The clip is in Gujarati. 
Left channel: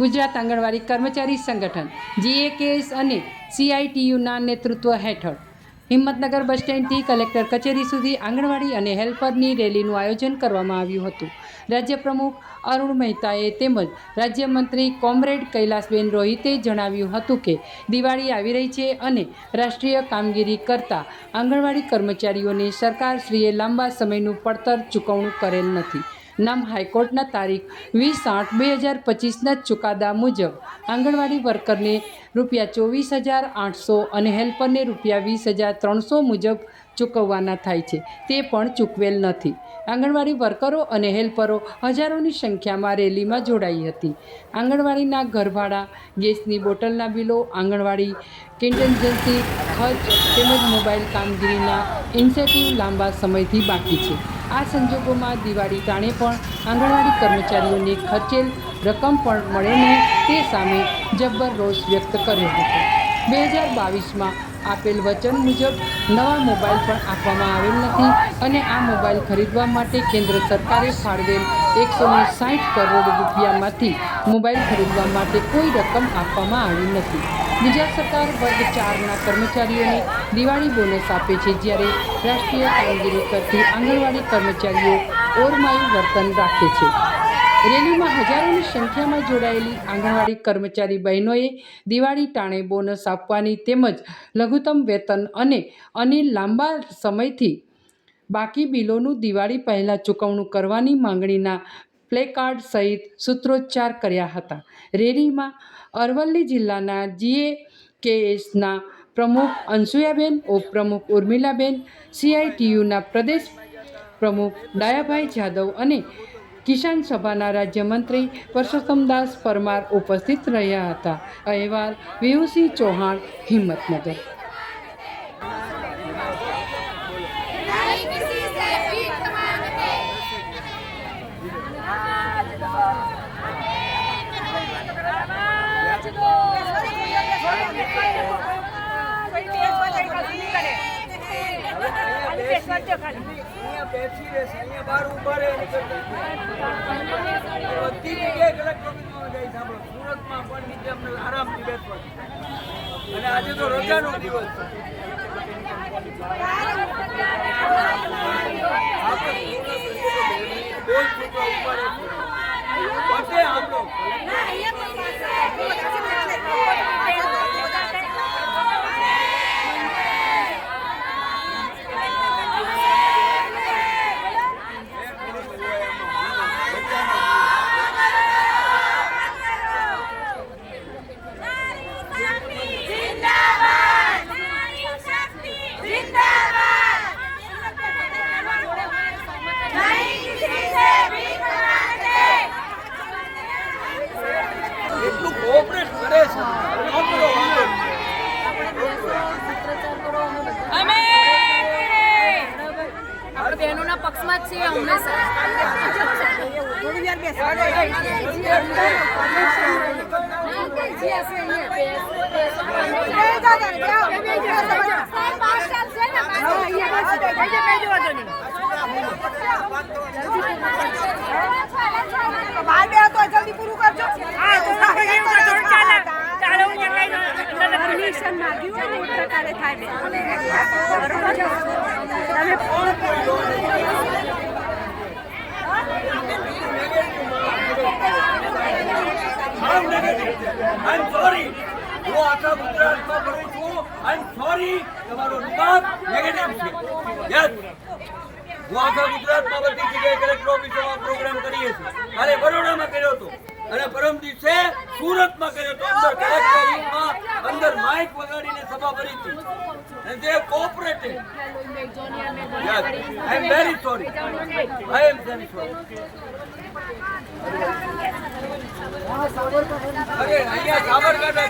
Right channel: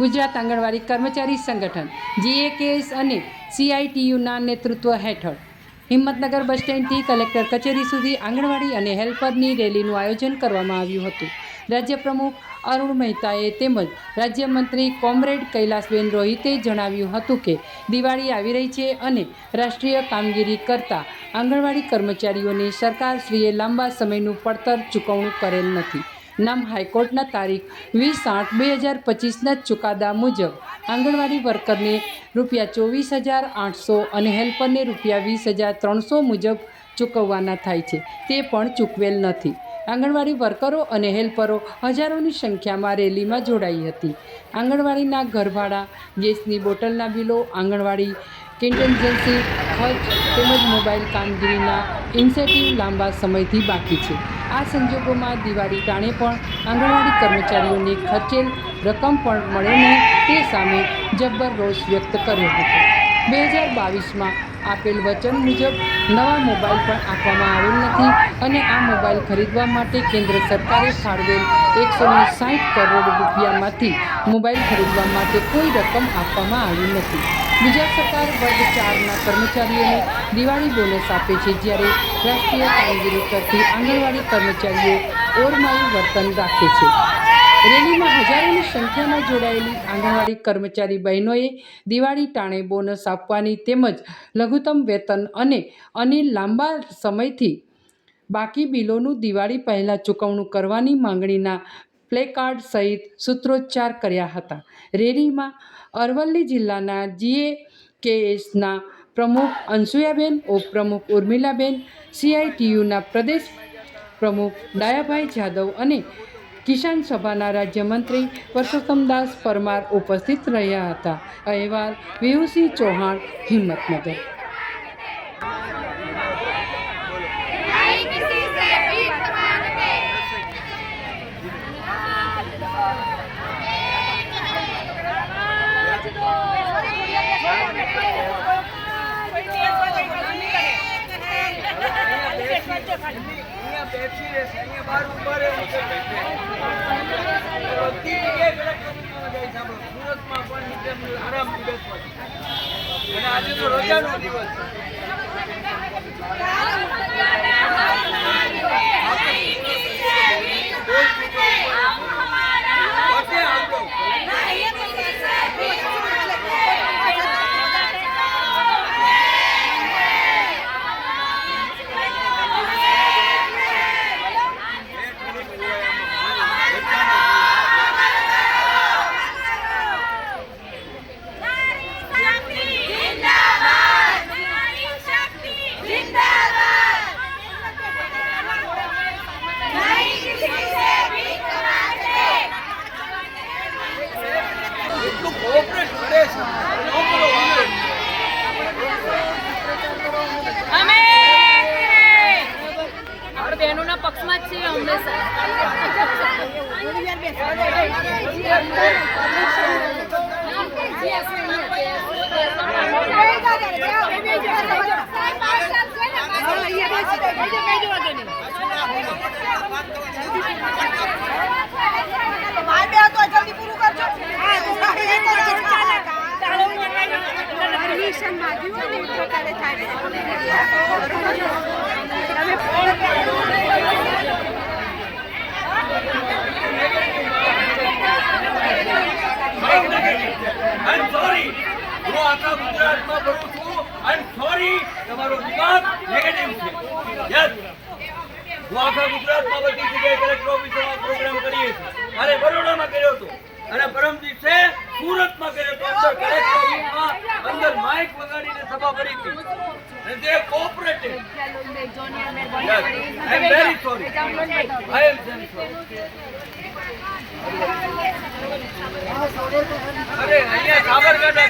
ગુજરાત આંગણવાડી કર્મચારી સંગઠન જીએકેએસ અને સીઆઈટીયુના નેતૃત્વ હેઠળ. હિંમતનગર બસ સ્ટેન્ડથી કલેક્ટર કચેરી સુધી આંગણવાડી અને હેલ્પરની રેલીનું આયોજન કરવામાં આવ્યું હતું. રાજ્ય પ્રમુખ અરુણ મહેતાએ તેમજ રાજ્યમંત્રી કોમરેડ કૈલાસબેન રોહિતે જણાવ્યું હતું કે, દિવાળી આવી રહી છે અને રાષ્ટ્રીય કામગીરી કરતા આંગણવાડી કર્મચારીઓને સરકારશ્રીએ લાંબા સમયનું પડતર ચૂકવણું કરેલ નથી. નામ હાઈકોર્ટના તારીખ વીસ આઠ બે હજાર પચીસના ચુકાદા મુજબ આંગણવાડી વર્કરને રૂપિયા ચોવીસ હજાર આઠસો અને હેલ્પરને રૂપિયા વીસ હજાર ત્રણસો મુજબ ચૂકવવાના થાય છે. તે પણ ચૂકવેલ નથી. આંગણવાડી વર્કરો અને હેલ્પરો હજારોની સંખ્યામાં રેલીમાં જોડાઈ હતી. આંગણવાડીના ઘરભાડા, ગેસની બોટલના બિલો, આંગણવાડી કન્ટેન્જન્સી, ખર્ચ તેમજ મોબાઈલ કામગીરીના ઇન્સેન્ટિવ લાંબા સમયથી બાકી છે. આ સંજોગોમાં દિવાળી ટાણે પણ આંગણવાડી કર્મચારીઓને ખર્ચેલ રકમ પણ મળે નહીં તે સામે જબ્બર રોષ વ્યક્ત કર્યો હતો. બે હજાર બાવીસમાં આપેલ વચન મુજબ નવા મોબાઈલ પણ આપવામાં આવેલ નથી અને આ મોબાઈલ ખરીદવા માટે કેન્દ્ર સરકારે ફાળવેલ એકસો ને સાઠ કરોડ રૂપિયામાંથી મોબાઈલ ખરીદવા માટે કોઈ રકમ આપવામાં આવી નથી. ગુજરાત સરકાર વર્ગ ચારના કર્મચારીઓને દિવાળી બોનસ આપે છે જ્યારે રાષ્ટ્રીય કામગીરી કરતી આંગણવાડી કર્મચારીઓ ઓરમાયું વર્તન રાખે છે. રેલીમાં હજારોની સંખ્યામાં જોડાયેલી આંગણવાડી કર્મચારી બહેનોએ દિવાળી ટાણે બોનસ આપવાની તેમજ લઘુત્તમ વેતન અને અનિલ લાંબા સમયથી બાકી બિલોનું દિવાળી પહેલાં ચૂકવણું કરવાની માંગણીના પ્લેકાર્ડ સહિત સૂત્રોચ્ચાર કર્યા હતા. રેલીમાં અરવલ્લી જિલ્લાના જીએ કેએસના પ્રમુખ અંસુયાબેન ઉપપ્રમુખ ઉર્મિલાબેન, સીઆઈટીયુના પ્રદેશ પ્રમુખ ડાયાભાઈ જાદવ અને કિસાન સભાના રાજ્યમંત્રી પરસોત્તમદાસ પરમાર ઉપસ્થિત રહ્યા હતા. અહેવાલ વિહુસિંહ ચૌહાણ, હિંમતનગર. અહીંયા બેસી રહેશે અહીંયા બહાર ઊભા રહે બધી જગ્યાએ કલેક્ટરમાં જાય સાંભળો સુરતમાં પણ નીચે અમને આરામથી બેસવા અને આજે તો રજાનો દિવસ છે છૂટો ઊભા રહેશે. બધે આવજો. એટલું કોઓપરેટ કરે છે ન કરો વાંધો નહીં. આપણે બહેનોના પક્ષમાં જ છીએ હંમેશા જલ્દી પૂરું કરજો હા તો પરમિશન માંગ્યું હોય પ્રકારે થાય I'm sorry. હું આખા ગુજરાતમાં બોલું છું. I'm sorry. તમારો વિભાગ negative છે. Yes. હું ગુજરાતમાં બધી જગ્યાએ કલેક્ટર ઓફિસોમાં પ્રોગ્રામ કરીએ છીએ અને બરોડામાં કર્યો હતો. અને પરમ દિવસે સુરતમાં કર્યો હતો. અંદર કલેક્ટરમાં અંદર માઇક વગાડીને સભા કરી તે cooperated yes am very sorry I am અરે, અહીંયા સાબરકાંઠા